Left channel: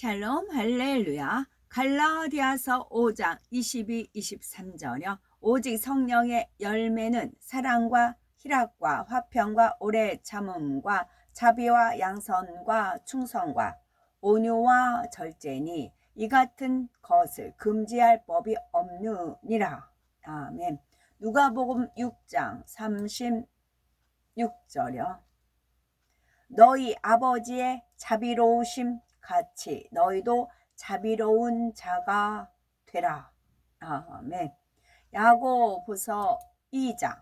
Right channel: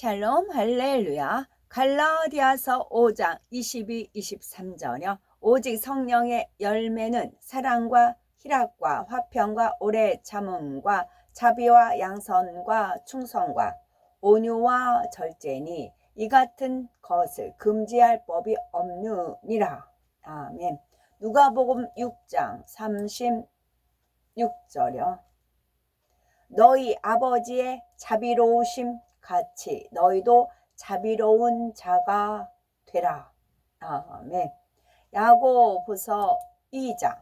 샬롬 할렐루야. 갈라디아서 5장 22, 23절이요. 오직 성령의 열매는 사랑과 희락과 화평과 오래 참음과 자비와 양선과 충성과 온유와 절제니 이 같은 것을 금지할 법이 없느니라. 아멘. 누가복음 6장 36절이요. 너희 아버지의 자비로우심 같이 너희도 자비로운 자가 되라. 아멘. 야고보서 2장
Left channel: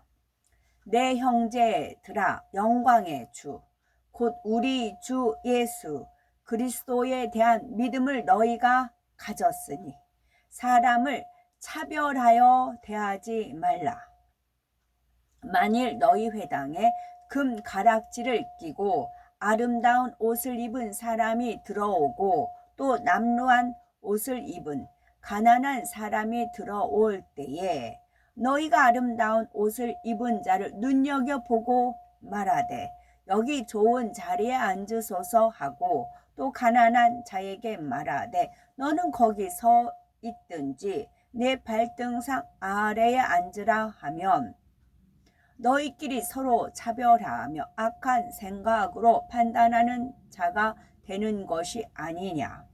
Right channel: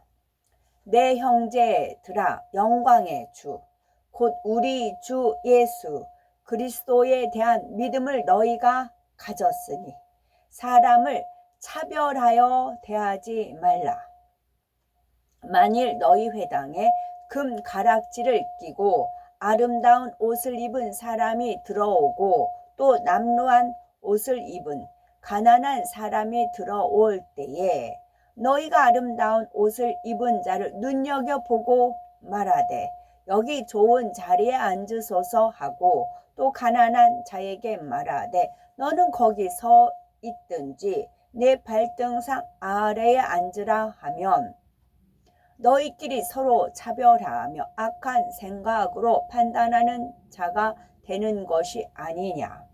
내 형제들아 영광의 주 곧 우리 주 예수 그리스도에 대한 믿음을 너희가 가졌으니 사람을 차별하여 대하지 말라. 만일 너희 회당에 금 가락지를 끼고 아름다운 옷을 입은 사람이 들어오고 또 남루한 옷을 입은 가난한 사람이 들어올 때에 너희가 아름다운 옷을 입은 자를 눈여겨보고 말하되 여기 좋은 자리에 앉으소서 하고 또 가난한 자에게 말하되 너는 거기 서 있든지 내 발등상 아래에 앉으라 하면 너희끼리 서로 차별하며 악한 생각으로 판단하는 자가 되는 것이 아니냐.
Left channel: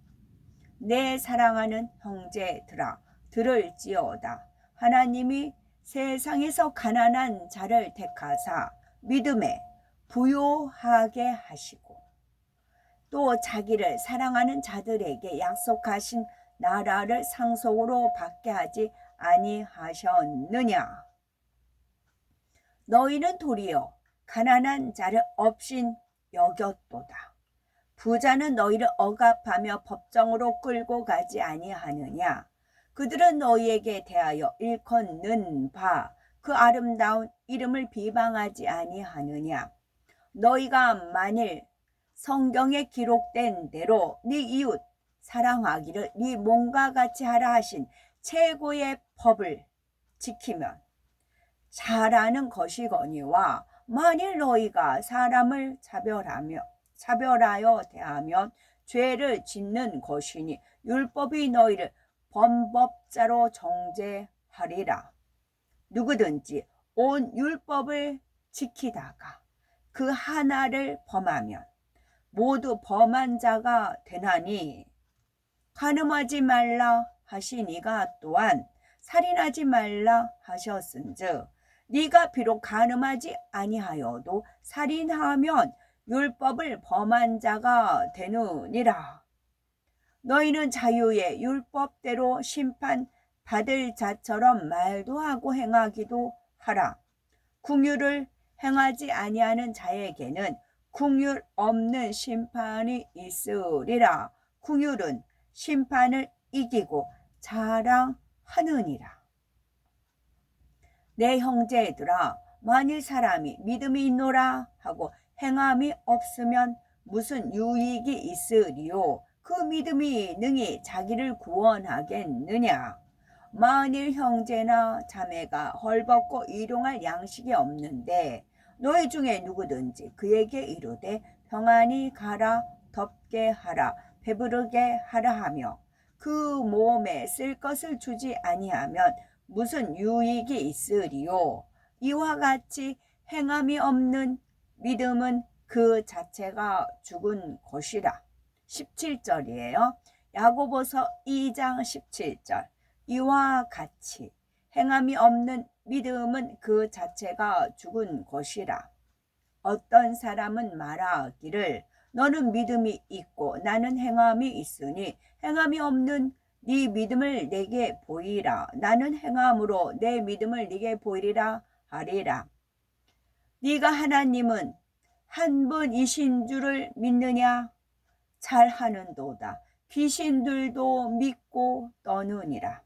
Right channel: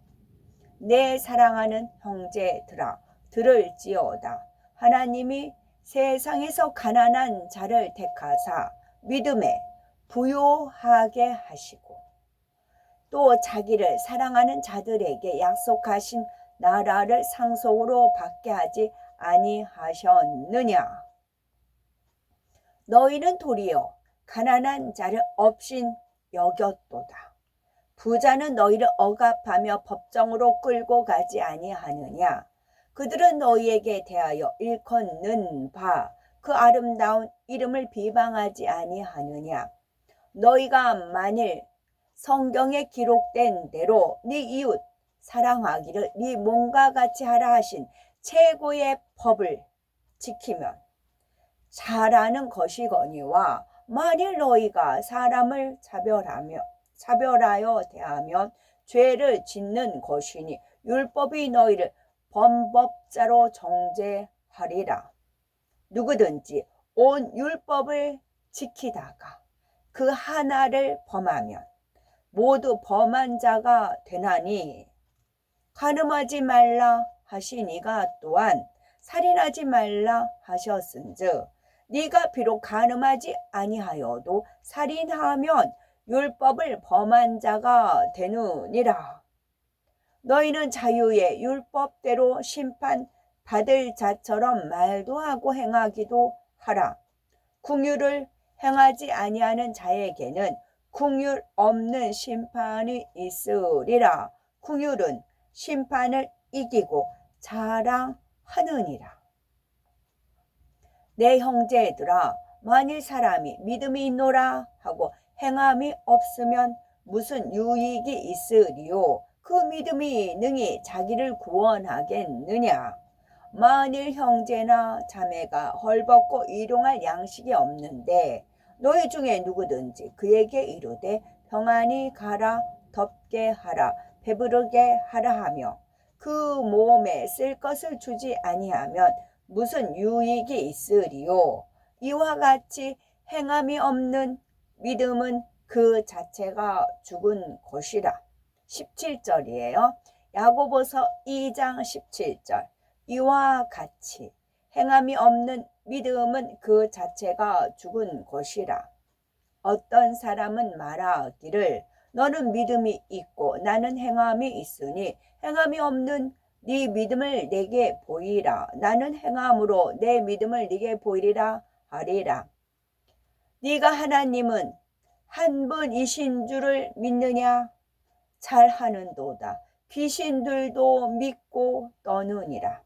내 사랑하는 형제들아 들을지어다. 하나님이 세상에서 가난한 자를 택하사 믿음에 부요하게 하시고 또 자기를 사랑하는 자들에게 약속하신 나라를 상속으로 받게 하지 아니하셨느냐. 너희는 도리어 가난한 자를 업신 여겼도다. 부자는 너희를 억압하며 법정으로 끌고 가지 아니하느냐. 그들은 너희에게 대하여 일컫는 바 그 아름다운 이름을 비방하지 아니하느냐. 너희가 만일 성경에 기록된 대로 네 이웃 사랑하기를 네 몸과 같이 하라 하신 최고의 법을 지키면 잘하는 것이거니와 만일 너희가 사람을 차별하여 대하면 죄를 짓는 것이니 율법이 너희를 범법자로 정죄하리라. 누구든지 온 율법을 지키다가 그 하나를 범하면 모두 범한 자가 되나니 간음하지 말라 하시니가 또한 살인하지 말라 하셨은즉 네가 비록 간음하지 아니하여도 살인하면 율법을 범한 자가 되느니라. 너희는 자유의 율법대로 심판받을 자처럼 말도 하고 행하기도 하라. 긍휼을 행하지 아니하는 자에게는 긍휼 없는 심판이 있으리라. 긍휼은 심판을 이기고 자랑하느니라. 내 형제들아 만일 사람이 믿음이 있노라 하고 행함이 없으면 무슨 유익이 있으리요. 그 믿음이 능히 자기를 구원하겠느냐. 만일 형제나 자매가 헐벗고 일용할 양식이 없는데 너희 중에 누구든지 그에게 이르되 평안히 가라 덥게 하라 배부르게 하라 하며 그 몸에 쓸 것을 주지 아니하면 무슨 유익이 있으리요. 이와 같이 행함이 없는 믿음은 그 자체가 죽은 것이라. 17절이에요. 야고보서 2장 17절. 이와 같이 행함이 없는 믿음은 그 자체가 죽은 것이라. 어떤 사람은 말하기를 너는 믿음이 있고 나는 행함이 있으니 행함이 없는 네 믿음을 내게 보이라. 나는 행함으로 내 믿음을 네게 보이리라 하리라. 네가 하나님은 한 분이신 줄을 믿느냐? 잘하는도다. 귀신들도 믿고 떠느니라.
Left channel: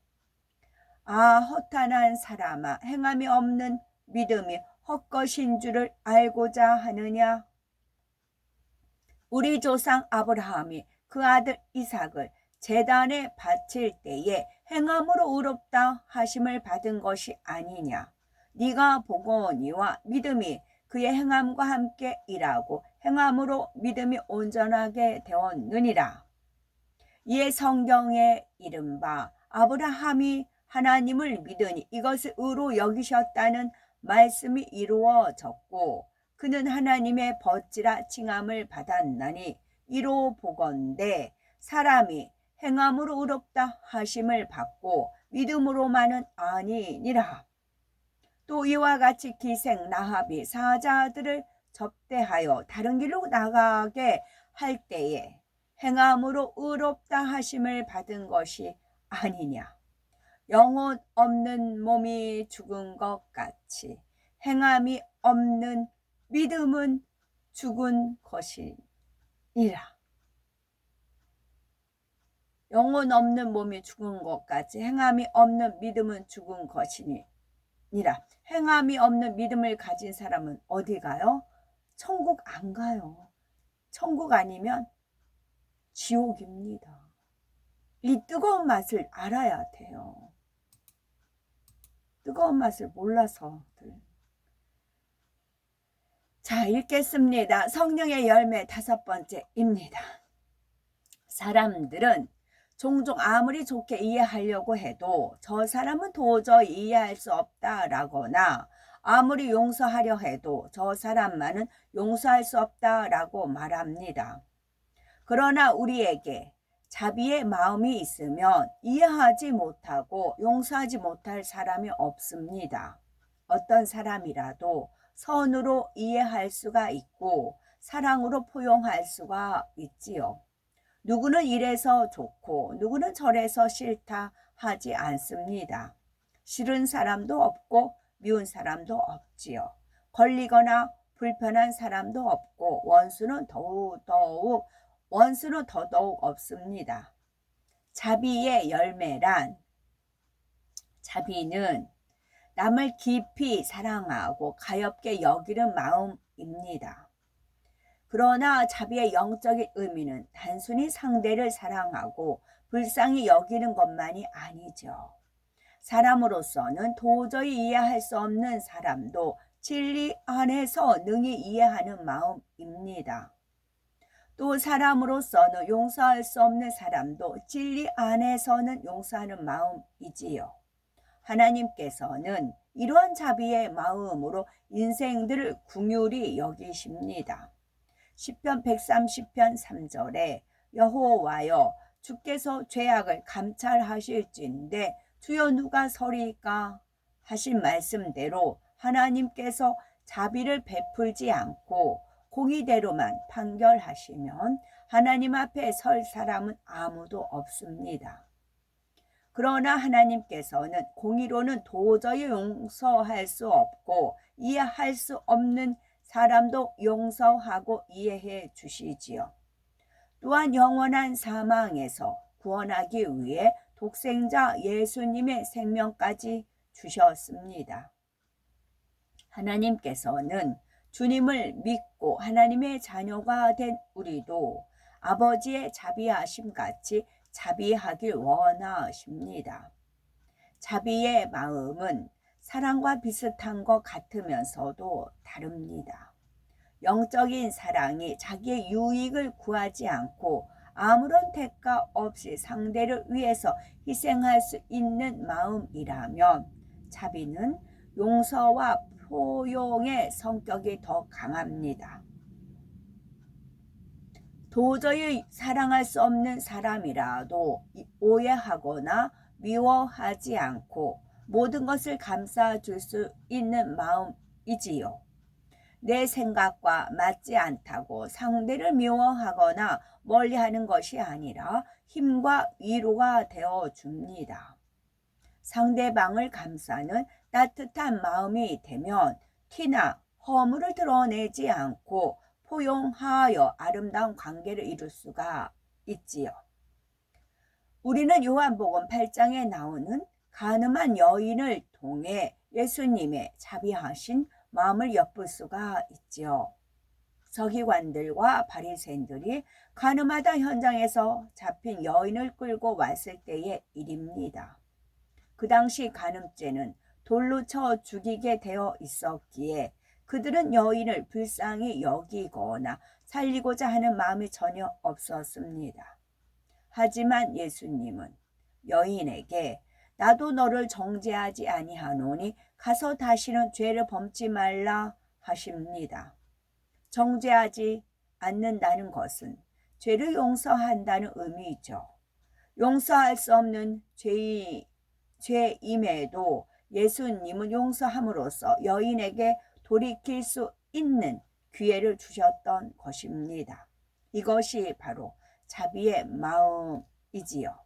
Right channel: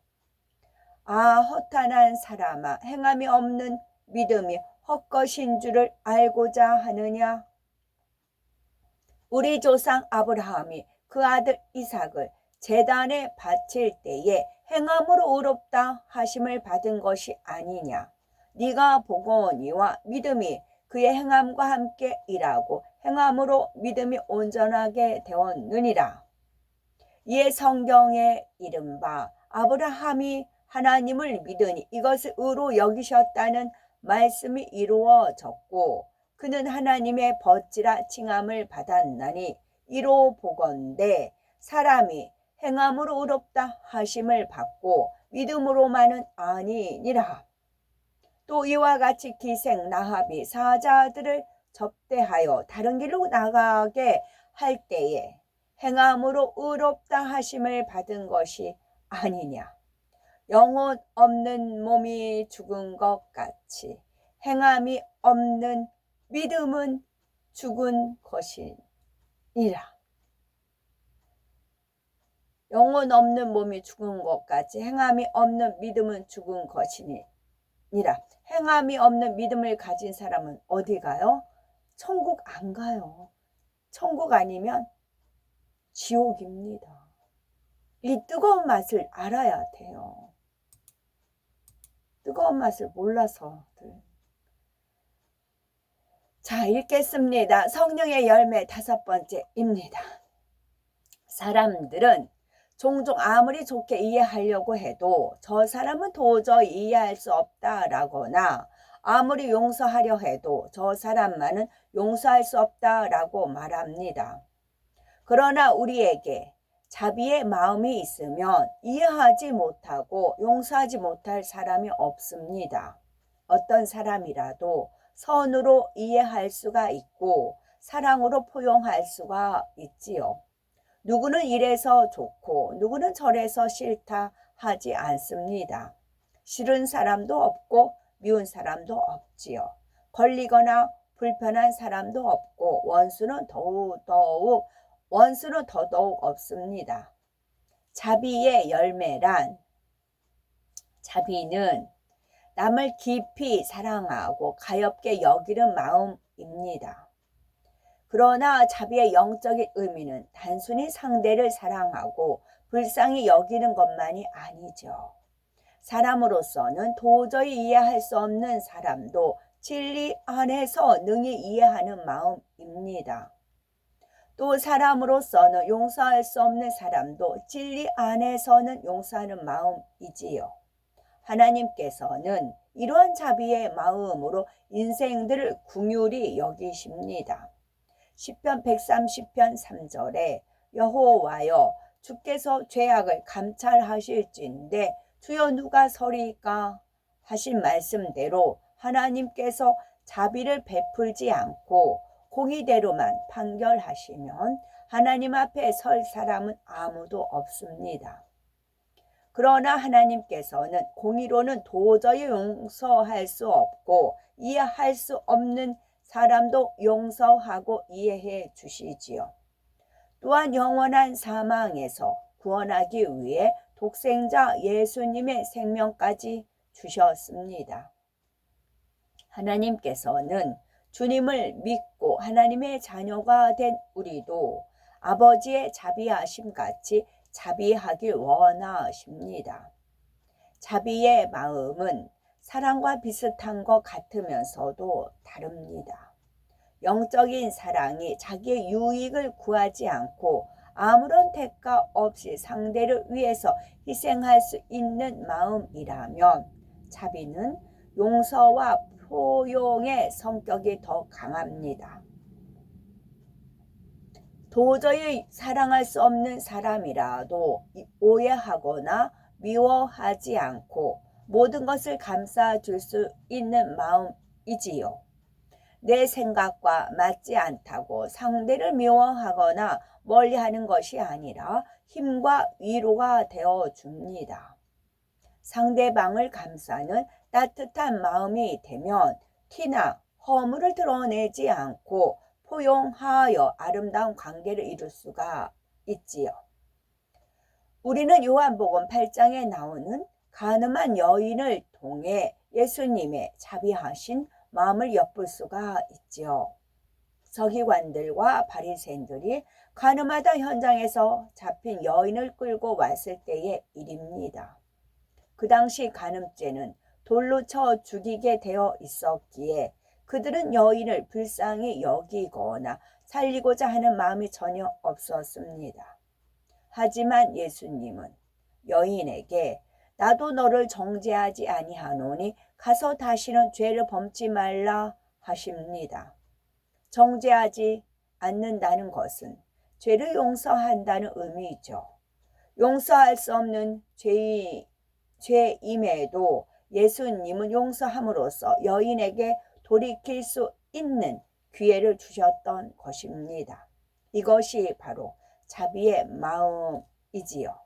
아 허탄한 사람아 행함이 없는 믿음이 헛것인 줄을 알고자 하느냐? 우리 조상 아브라함이 그 아들 이삭을 제단에 바칠 때에 행함으로 의롭다 하심을 받은 것이 아니냐. 네가 보거니와 믿음이 그의 행함과 함께 일하고 행함으로 믿음이 온전하게 되었느니라. 이에 성경에 이른바 아브라함이 하나님을 믿으니 이것을 의로 여기셨다는 말씀이 이루어졌고 그는 하나님의 벗지라 칭함을 받았나니 이로 보건대 사람이 행함으로 의롭다 하심을 받고 믿음으로만은 아니니라. 또 이와 같이 기생 라합이 사자들을 접대하여 다른 길로 나가게 할 때에 행함으로 의롭다 하심을 받은 것이 아니냐. 영혼 없는 몸이 죽은 것 같이 행함이 없는 믿음은 죽은 것이니라. 영혼 없는 몸이 죽은 것 같이 행함이 없는 믿음은 죽은 것이니라. 행함이 없는 믿음을 가진 사람은 어디 가요? 천국 안 가요. 천국 아니면 지옥입니다. 이 뜨거운 맛을 알아야 돼요. 뜨거운 맛을 몰라서들. 자, 읽겠습니다. 성령의 열매 5번째입니다. 사람들은 종종 아무리 좋게 이해하려고 해도 저 사람은 도저히 이해할 수 없다라거나 아무리 용서하려 해도 저 사람만은 용서할 수 없다라고 말합니다. 그러나 우리에게 자비의 마음이 있으면 이해하지 못하고 용서하지 못할 사람이 없습니다. 어떤 사람이라도 선으로 이해할 수가 있고 사랑으로 포용할 수가 있지요. 누구는 이래서 좋고 누구는 저래서 싫다 하지 않습니다. 싫은 사람도 없고 미운 사람도 없지요. 걸리거나 불편한 사람도 없고 원수는 더더욱 없습니다. 자비의 열매란 자비는 남을 깊이 사랑하고 가엾게 여기는 마음입니다. 그러나 자비의 영적인 의미는 단순히 상대를 사랑하고 불쌍히 여기는 것만이 아니죠. 사람으로서는 도저히 이해할 수 없는 사람도 진리 안에서 능히 이해하는 마음입니다. 또 사람으로서는 용서할 수 없는 사람도 진리 안에서는 용서하는 마음이지요. 하나님께서는 이러한 자비의 마음으로 인생들을 긍휼히 여기십니다. 시편 130편 3절에 여호와여 주께서 죄악을 감찰하실진대 주여 누가 서리까 하신 말씀대로 하나님께서 자비를 베풀지 않고 공의대로만 판결하시면 하나님 앞에 설 사람은 아무도 없습니다. 그러나 하나님께서는 공의로는 도저히 용서할 수 없고 이해할 수 없는 사람도 용서하고 이해해 주시지요. 또한 영원한 사망에서 구원하기 위해 독생자 예수님의 생명까지 주셨습니다. 하나님께서는 주님을 믿고 하나님의 자녀가 된 우리도 아버지의 자비하심 같이 자비하길 원하십니다. 자비의 마음은 사랑과 비슷한 것 같으면서도 다릅니다. 영적인 사랑이 자기의 유익을 구하지 않고 아무런 대가 없이 상대를 위해서 희생할 수 있는 마음이라면 자비는 용서와 포용의 성격이 더 강합니다. 도저히 사랑할 수 없는 사람이라도 오해하거나 미워하지 않고 모든 것을 감싸줄 수 있는 마음이지요. 내 생각과 맞지 않다고 상대를 미워하거나 멀리하는 것이 아니라 힘과 위로가 되어 줍니다. 상대방을 감싸는 따뜻한 마음이 되면 티나 허물을 드러내지 않고 포용하여 아름다운 관계를 이룰 수가 있지요. 우리는 요한복음 8장에 나오는 가늠한 여인을 통해 예수님의 자비하신 마음을 엿볼 수가 있지요. 서기관들과 바리새인들이 가늠하다 현장에서 잡힌 여인을 끌고 왔을 때의 일입니다. 그 당시 간음죄는 돌로 쳐 죽이게 되어 있었기에 그들은 여인을 불쌍히 여기거나 살리고자 하는 마음이 전혀 없었습니다. 하지만 예수님은 여인에게 나도 너를 정죄하지 아니하노니 가서 다시는 죄를 범치 말라 하십니다. 정죄하지 않는다는 것은 죄를 용서한다는 의미죠. 용서할 수 없는 죄임에도 예수님은 용서함으로써 여인에게 돌이킬 수 있는 기회를 주셨던 것입니다. 이것이 바로 자비의 마음이지요.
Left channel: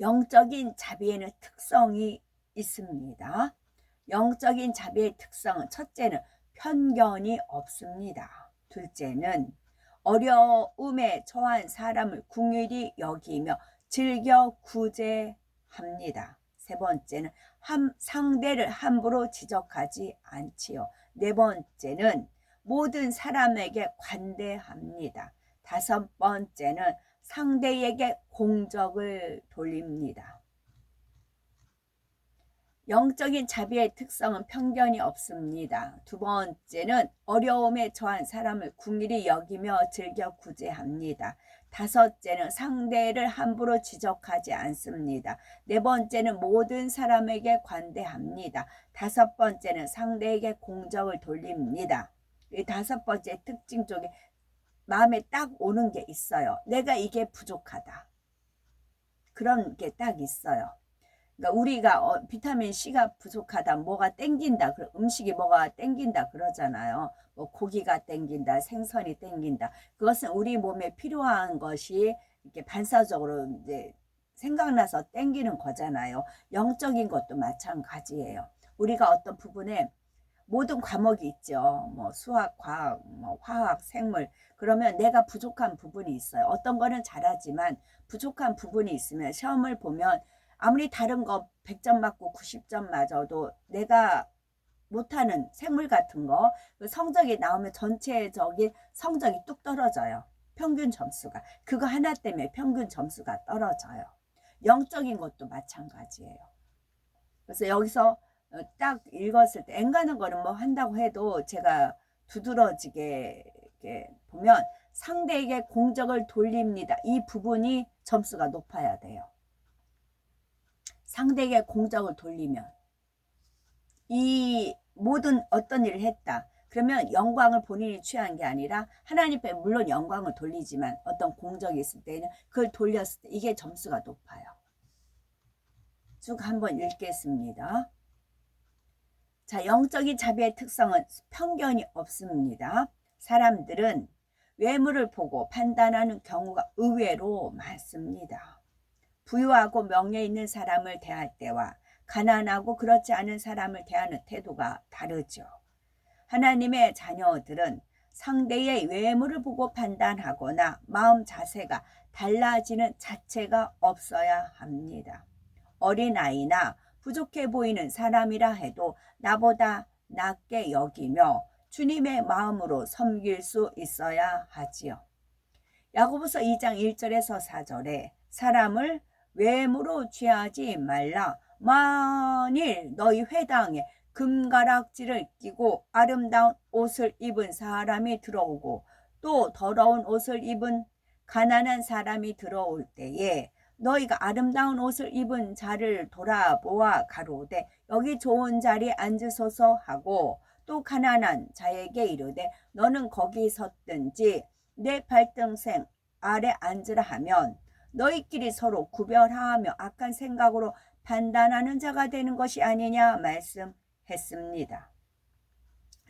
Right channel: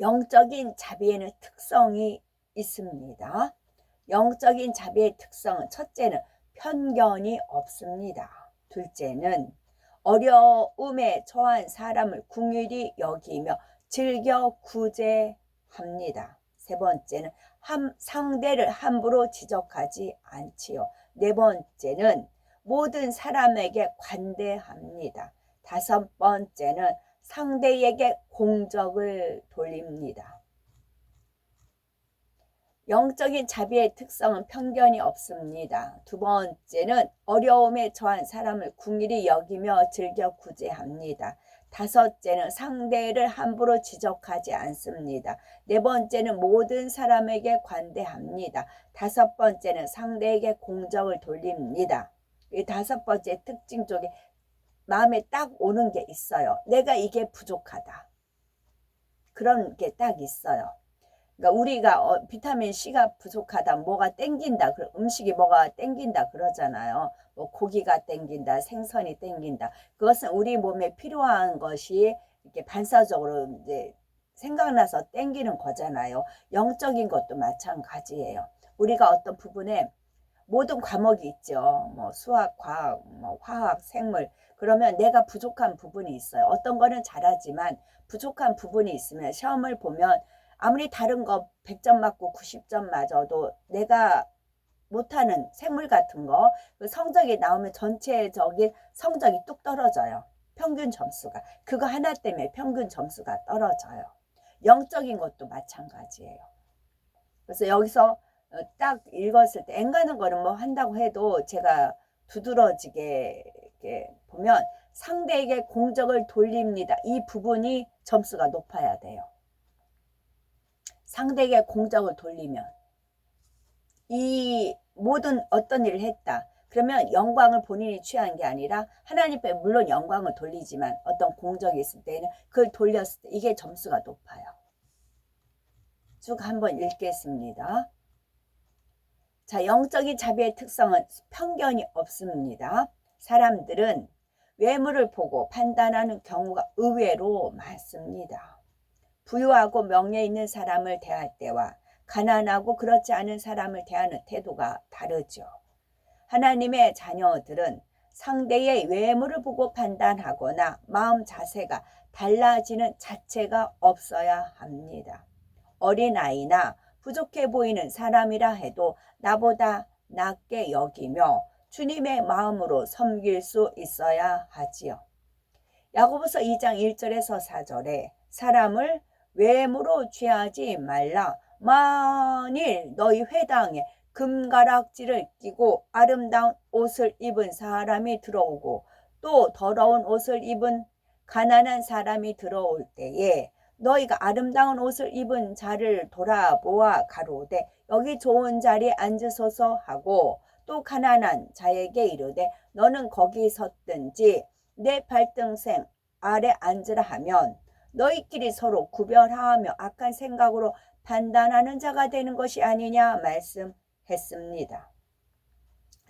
영적인 자비에는 특성이 있습니다. 영적인 자비의 특성은 첫째는 편견이 없습니다. 둘째는 어려움에 처한 사람을 긍휼히 여기며 즐겨 구제합니다. 세 번째는 상대를 함부로 지적하지 않지요. 네 번째는 모든 사람에게 관대합니다. 다섯 번째는 상대에게 공적을 돌립니다. 영적인 자비의 특성은 편견이 없습니다. 두 번째는 어려움에 처한 사람을 긍휼히 여기며 즐겨 구제합니다. 다섯째는 상대를 함부로 지적하지 않습니다. 네 번째는 모든 사람에게 관대합니다. 다섯 번째는 상대에게 공적을 돌립니다. 이 다섯 번째 특징 쪽에 마음에 딱 오는 게 있어요. 내가 이게 부족하다. 그런 게 딱 있어요. 그러니까 우리가 비타민 C가 부족하다, 뭐가 땡긴다, 음식이 뭐가 땡긴다 그러잖아요. 뭐 고기가 땡긴다, 생선이 땡긴다. 그것은 우리 몸에 필요한 것이 이렇게 반사적으로 이제 생각나서 땡기는 거잖아요. 영적인 것도 마찬가지예요. 우리가 어떤 부분에 모든 과목이 있죠. 뭐 수학, 과학, 뭐 화학, 생물. 그러면 내가 부족한 부분이 있어요. 어떤 거는 잘하지만 부족한 부분이 있으면 시험을 보면 아무리 다른 거 100점 맞고 90점 맞아도 내가 못하는 생물 같은 거 성적이 나오면 전체적인 성적이 뚝 떨어져요. 평균 점수가. 그거 하나 때문에 평균 점수가 떨어져요. 영적인 것도 마찬가지예요. 그래서 여기서 딱 읽었을 때 앵가는 거는 뭐 한다고 해도 제가 두드러지게 이렇게 보면 상대에게 공적을 돌립니다. 이 부분이 점수가 높아야 돼요. 상대에게 공적을 돌리면 이 모든 어떤 일을 했다. 그러면 영광을 본인이 취한 게 아니라 하나님께 물론 영광을 돌리지만 어떤 공적이 있을 때는 그걸 돌렸을 때 이게 점수가 높아요. 쭉 한번 읽겠습니다. 자, 영적인 자비의 특성은 편견이 없습니다. 사람들은 외모를 보고 판단하는 경우가 의외로 많습니다. 부유하고 명예 있는 사람을 대할 때와 가난하고 그렇지 않은 사람을 대하는 태도가 다르죠. 하나님의 자녀들은 상대의 외모를 보고 판단하거나 마음 자세가 달라지는 자체가 없어야 합니다. 어린아이나 부족해 보이는 사람이라 해도 나보다 낫게 여기며 주님의 마음으로 섬길 수 있어야 하지요. 야고보서 2장 1절에서 4절에 사람을 외모로 취하지 말라. 만일 너희 회당에 금가락지를 끼고 아름다운 옷을 입은 사람이 들어오고 또 더러운 옷을 입은 가난한 사람이 들어올 때에 너희가 아름다운 옷을 입은 자를 돌아보아 가로되 여기 좋은 자리에 앉으소서 하고 또 가난한 자에게 이르되 너는 거기 섰든지 내 발등생 아래 앉으라 하면 너희끼리 서로 구별하며 악한 생각으로 판단하는 자가 되는 것이 아니냐 말씀했습니다.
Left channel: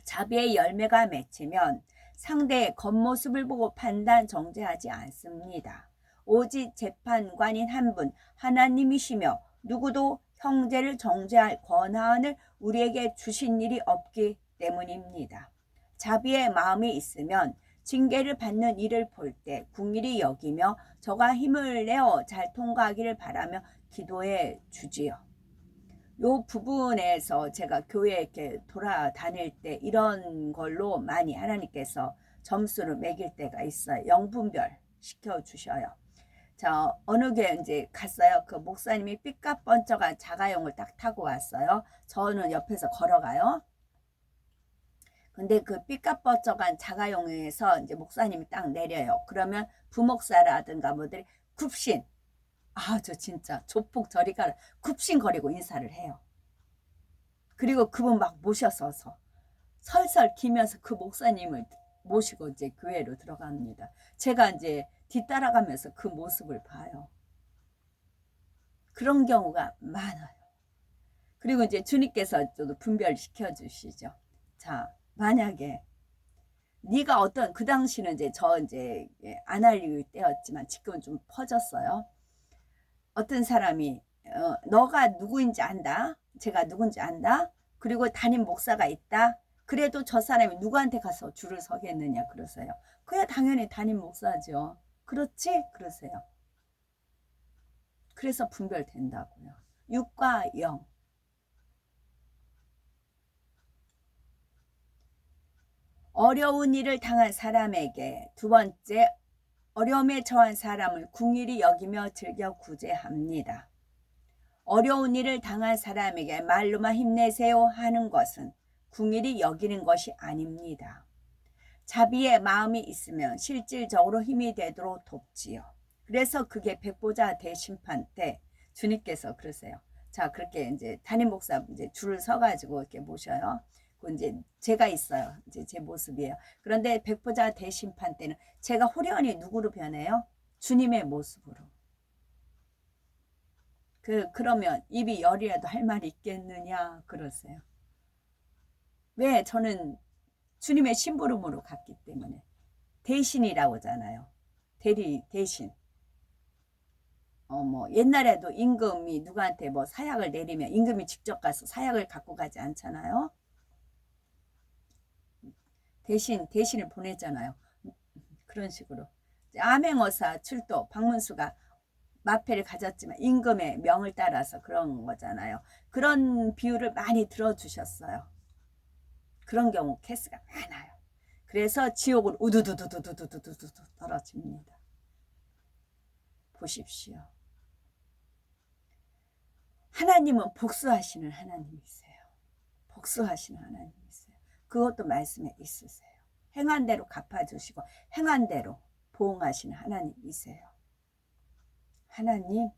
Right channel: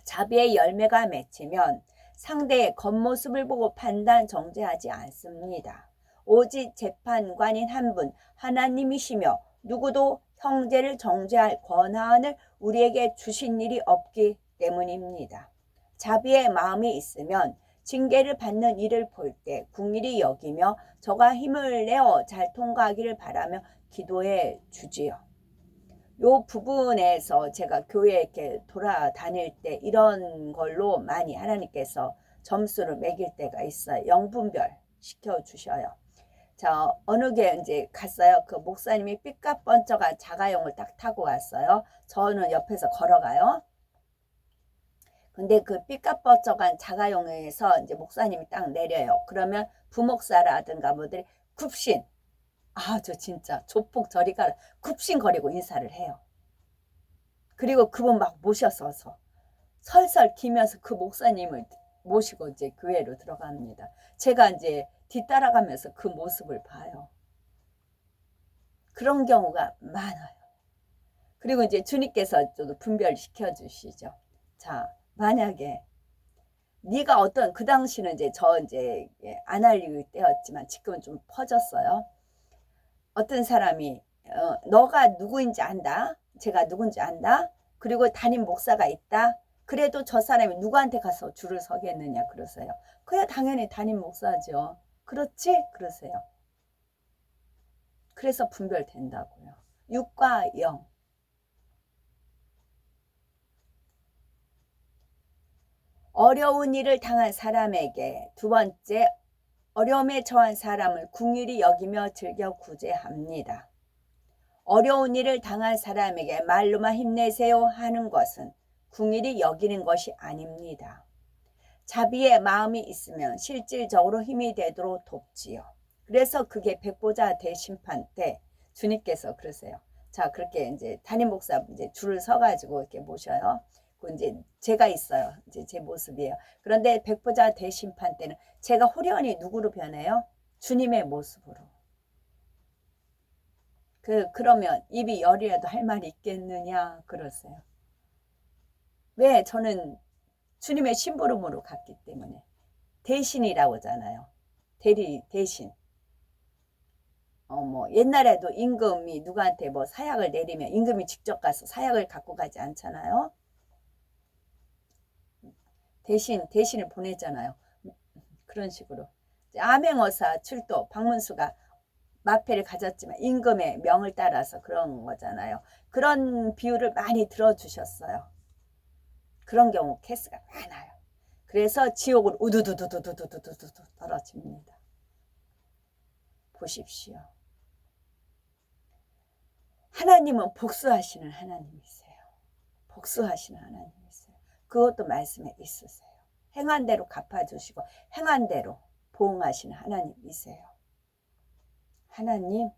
자비의 열매가 맺히면 상대의 겉모습을 보고 판단 정죄하지 않습니다. 오직 재판관인 한 분 하나님이시며 누구도 형제를 정죄할 권한을 우리에게 주신 일이 없기 때문입니다. 자비의 마음이 있으면 징계를 받는 일을 볼 때 긍휼히 여기며 저가 힘을 내어 잘 통과하기를 바라며 기도해 주지요. 요 부분에서 제가 교회에 이렇게 돌아다닐 때 이런 걸로 많이 하나님께서 점수를 매길 때가 있어요. 영분별 시켜주셔요. 자, 어느 게 이제 갔어요. 그 목사님이 삐까뻔쩍한 자가용을 딱 타고 왔어요. 저는 옆에서 걸어가요. 근데 그 삐까뻔쩍한 자가용에서 이제 목사님이 딱 내려요. 그러면 부목사라든가 뭐들이 굽신, 아, 저 진짜 조폭 저리 가라. 굽신거리고 인사를 해요. 그리고 그분 막 모셔서서 설설 기면서 그 목사님을 모시고 이제 교회로 들어갑니다. 제가 이제 뒤따라가면서 그 모습을 봐요. 그런 경우가 많아요. 그리고 이제 주님께서 또 분별시켜 주시죠. 자, 만약에 네가 어떤 그 당시는 이제 저 이제 안 알릴 때였지만 지금은 좀 퍼졌어요. 어떤 사람이 너가 누구인지 안다. 제가 누군지 안다. 그리고 담임 목사가 있다. 그래도 저 사람이 누구한테 가서 줄을 서겠느냐 그러세요. 그야 당연히 담임 목사죠. 그렇지? 그러세요. 그래서 분별된다고요. 6과 0. 어려운 일을 당한 사람에게 두 번째 어려움에 처한 사람을 궁일이 여기며 즐겨 구제합니다. 어려운 일을 당한 사람에게 말로만 힘내세요 하는 것은 궁일이 여기는 것이 아닙니다. 자비의 마음이 있으면 실질적으로 힘이 되도록 돕지요. 그래서 그게 백보자 대심판 때 주님께서 그러세요. 자, 그렇게 이제 담임 목사 이제 줄을 서가지고 이렇게 모셔요. 그 이제 제가 있어요. 이제 제 모습이에요. 그런데 백보자 대심판 때는 제가 호련히 누구로 변해요? 주님의 모습으로. 그러면 입이 열이라도 할 말이 있겠느냐 그러세요. 왜? 저는 주님의 심부름으로 갔기 때문에. 대신이라고 하잖아요. 대신. 뭐 옛날에도 임금이 누구한테 뭐 사약을 내리면 임금이 직접 가서 사약을 갖고 가지 않잖아요. 대신을 보내잖아요. 그런 식으로. 암행어사 출도 박문수가 마패를 가졌지만 임금의 명을 따라서 그런 거잖아요. 그런 비유를 많이 들어주셨어요. 그런 경우 케이스가 많아요. 그래서 지옥을 우두두두두두두두두 떨어집니다. 보십시오. 하나님은 복수하시는 하나님이세요. 복수하시는 하나님이세요. 그것도 말씀에 있으세요. 행한 대로 갚아주시고 행한 대로 보응하시는 하나님이세요. 하나님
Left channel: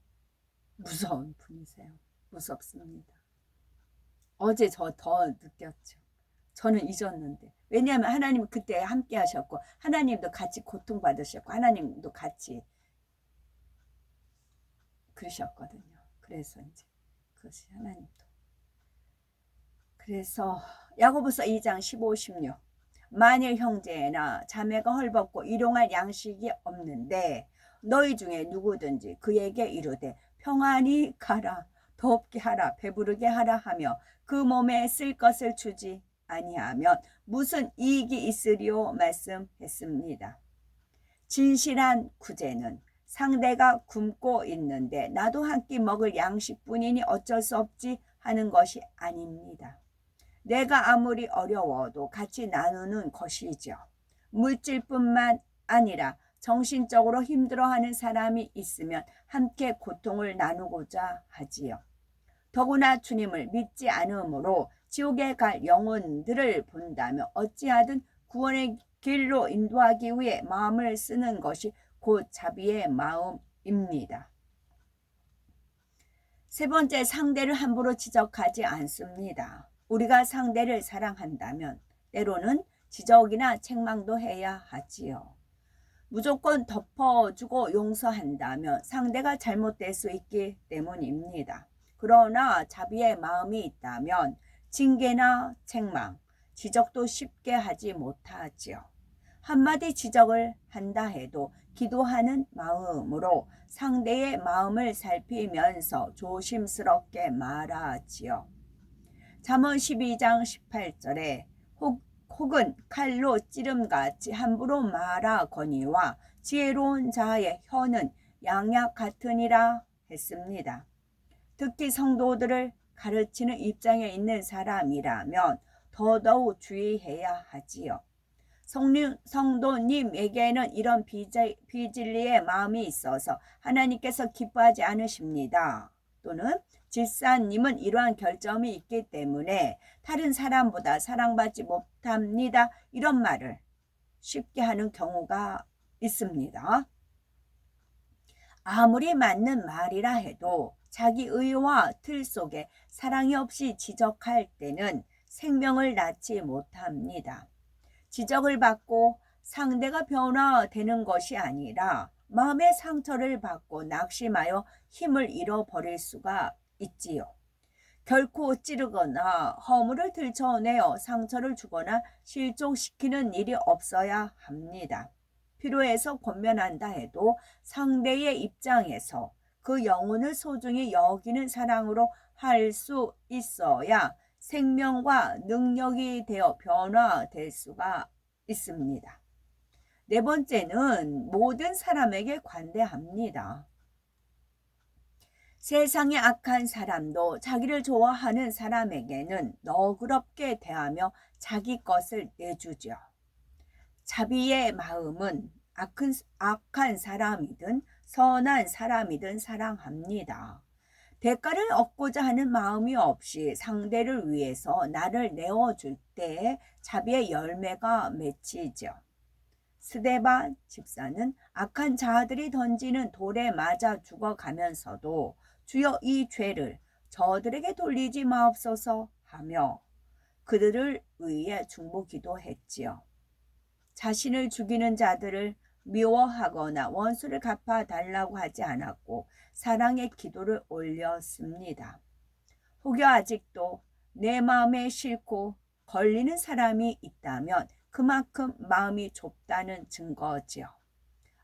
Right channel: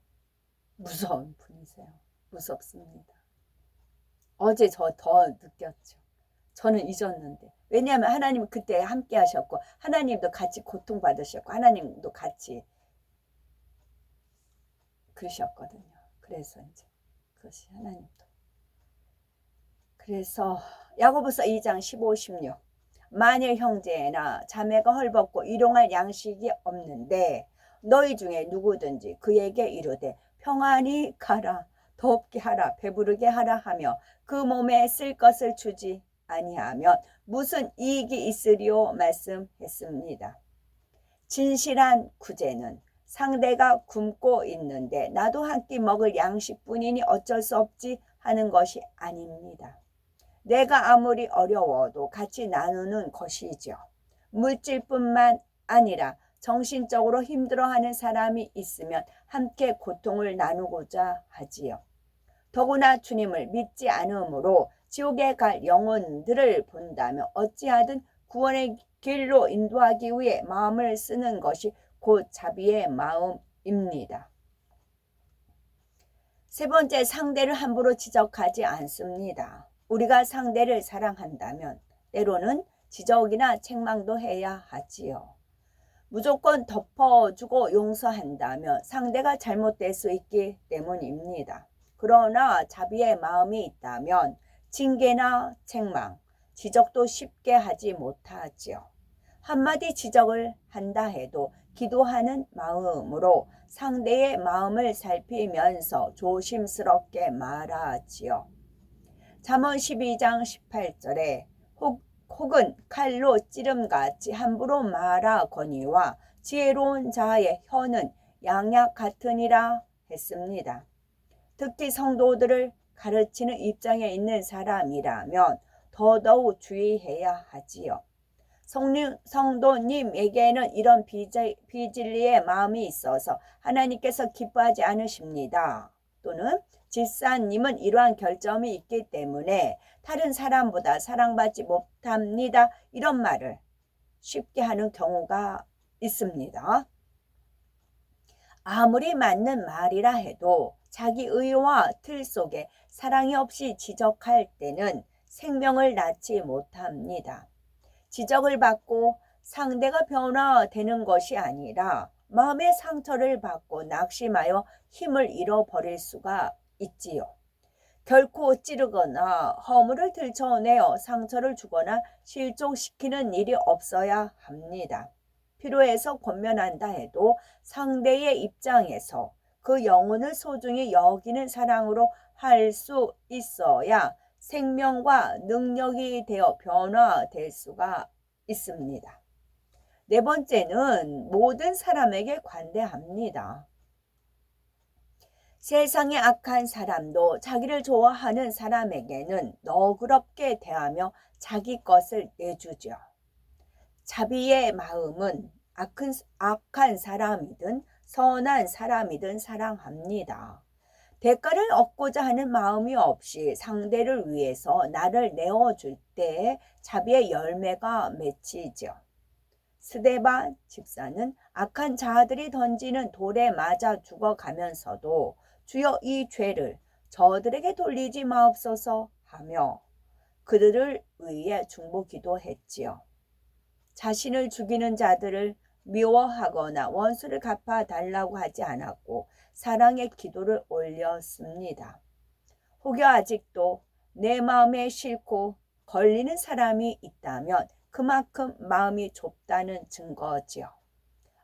무서운 분이세요. 무섭습니다. 어제 저 더 느꼈죠. 저는 잊었는데. 왜냐하면 하나님은 그때 함께 하셨고 하나님도 같이 고통받으셨고 하나님도 같이 그러셨거든요. 그래서 이제 그것이 하나님도. 그래서 야고보서 2장 15, 16 만일 형제나 자매가 헐벗고 일용할 양식이 없는데 너희 중에 누구든지 그에게 이르되 평안히 가라 덥게 하라 배부르게 하라 하며 그 몸에 쓸 것을 주지 아니하면 무슨 이익이 있으리요 말씀했습니다. 진실한 구제는 상대가 굶고 있는데 나도 한 끼 먹을 양식뿐이니 어쩔 수 없지 하는 것이 아닙니다. 내가 아무리 어려워도 같이 나누는 것이죠. 물질뿐만 아니라 정신적으로 힘들어하는 사람이 있으면 함께 고통을 나누고자 하지요. 더구나 주님을 믿지 않으므로 지옥에 갈 영혼들을 본다면 어찌하든 구원의 길로 인도하기 위해 마음을 쓰는 것이 곧 자비의 마음입니다. 세 번째, 상대를 함부로 지적하지 않습니다. 우리가 상대를 사랑한다면 때로는 지적이나 책망도 해야 하지요. 무조건 덮어주고 용서한다면 상대가 잘못될 수 있기 때문입니다. 그러나 자비의 마음이 있다면 징계나 책망, 지적도 쉽게 하지 못하지요. 한마디 지적을 한다 해도 기도하는 마음으로 상대의 마음을 살피면서 조심스럽게 말하지요. 잠언 12장 18절에 혹은 칼로 찌름같이 함부로 말하거니와 지혜로운 자의 혀는 양약 같으니라 했습니다. 특히 성도들을 가르치는 입장에 있는 사람이라면 더더욱 주의해야 하지요. 성도님에게는 이런 비진리의 마음이 있어서 하나님께서 기뻐하지 않으십니다. 또는 집사님은 이러한 결점이 있기 때문에 다른 사람보다 사랑받지 못합니다. 이런 말을 쉽게 하는 경우가 있습니다. 아무리 맞는 말이라 해도 자기 의와 틀 속에 사랑이 없이 지적할 때는 생명을 낳지 못합니다. 지적을 받고 상대가 변화되는 것이 아니라 마음의 상처를 받고 낙심하여 힘을 잃어버릴 수가 있지요. 결코 찌르거나 허물을 들춰내어 상처를 주거나 실족시키는 일이 없어야 합니다. 필요해서 권면한다 해도 상대의 입장에서 그 영혼을 소중히 여기는 사랑으로 할 수 있어야 생명과 능력이 되어 변화될 수가 있습니다. 네 번째는 모든 사람에게 관대합니다. 세상의 악한 사람도 자기를 좋아하는 사람에게는 너그럽게 대하며 자기 것을 내주죠. 자비의 마음은 악한 사람이든 선한 사람이든 사랑합니다. 대가를 얻고자 하는 마음이 없이 상대를 위해서 나를 내어줄 때 자비의 열매가 맺히죠. 스데반 집사는 악한 자들이 던지는 돌에 맞아 죽어가면서도 주여 이 죄를 저들에게 돌리지 마옵소서 하며 그들을 위해 중보 기도했지요. 자신을 죽이는 자들을 미워하거나 원수를 갚아달라고 하지 않았고 사랑의 기도를 올렸습니다. 혹여 아직도 내 마음에 싫고 걸리는 사람이 있다면 그만큼 마음이 좁다는 증거지요.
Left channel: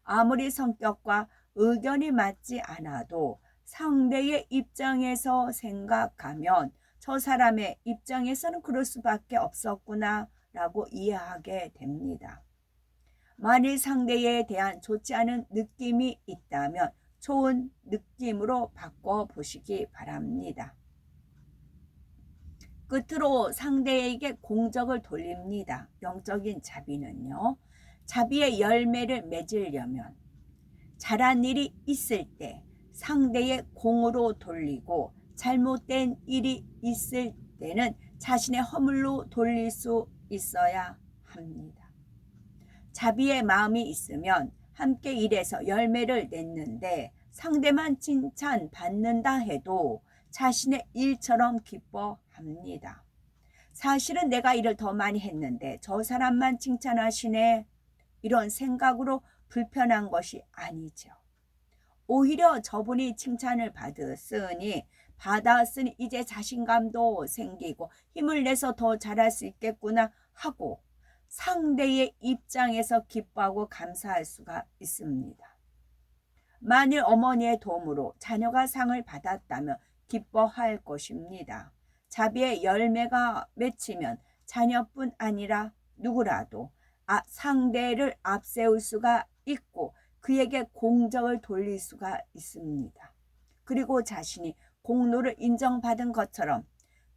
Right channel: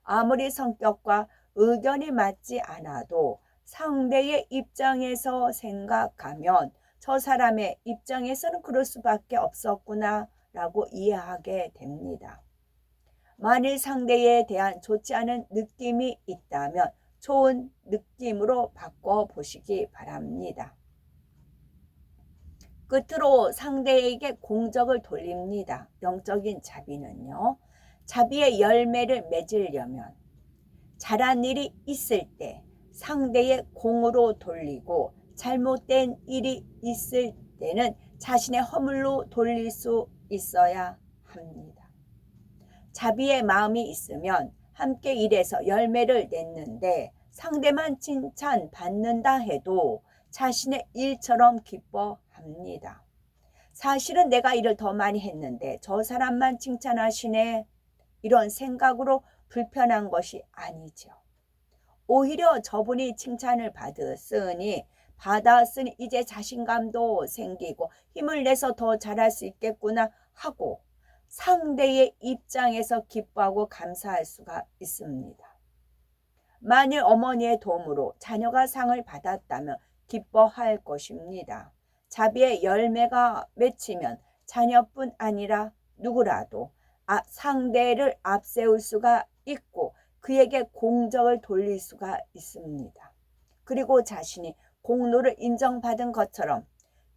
아무리 성격과 의견이 맞지 않아도 상대의 입장에서 생각하면 저 사람의 입장에서는 그럴 수밖에 없었구나 라고 이해하게 됩니다. 만일 상대에 대한 좋지 않은 느낌이 있다면 좋은 느낌으로 바꿔보시기 바랍니다. 끝으로 상대에게 공적을 돌립니다. 영적인 자비는요. 자비의 열매를 맺으려면 잘한 일이 있을 때 상대의 공으로 돌리고 잘못된 일이 있을 때는 자신의 허물로 돌릴 수 있어야 합니다. 자비의 마음이 있으면 함께 일해서 열매를 냈는데 상대만 칭찬받는다 해도 자신의 일처럼 기뻐합니다. 사실은 내가 일을 더 많이 했는데 저 사람만 칭찬하시네. 이런 생각으로 불편한 것이 아니죠. 오히려 저분이 칭찬을 받았으니 이제 자신감도 생기고 힘을 내서 더 잘할 수 있겠구나 하고 상대의 입장에서 기뻐하고 감사할 수가 있습니다. 만일 어머니의 도움으로 자녀가 상을 받았다면 기뻐할 것입니다. 자비의 열매가 맺히면 자녀뿐 아니라 누구라도 상대를 앞세울 수가 있고 그에게 공적을 돌릴 수가 있습니다. 그리고 자신이 공로를 인정받은 것처럼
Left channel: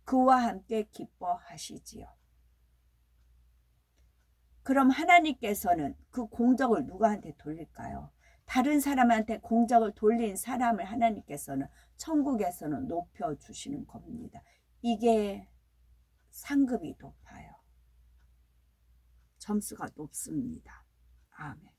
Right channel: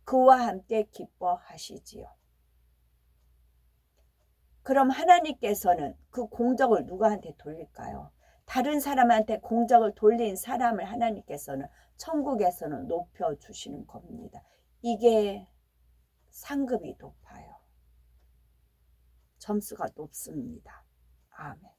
그와 함께 기뻐하시지요. 그럼 하나님께서는 그 공적을 누구한테 돌릴까요? 다른 사람한테 공적을 돌린 사람을 하나님께서는 천국에서는 높여주시는 겁니다. 이게 상급이 높아요. 점수가 높습니다. 아멘.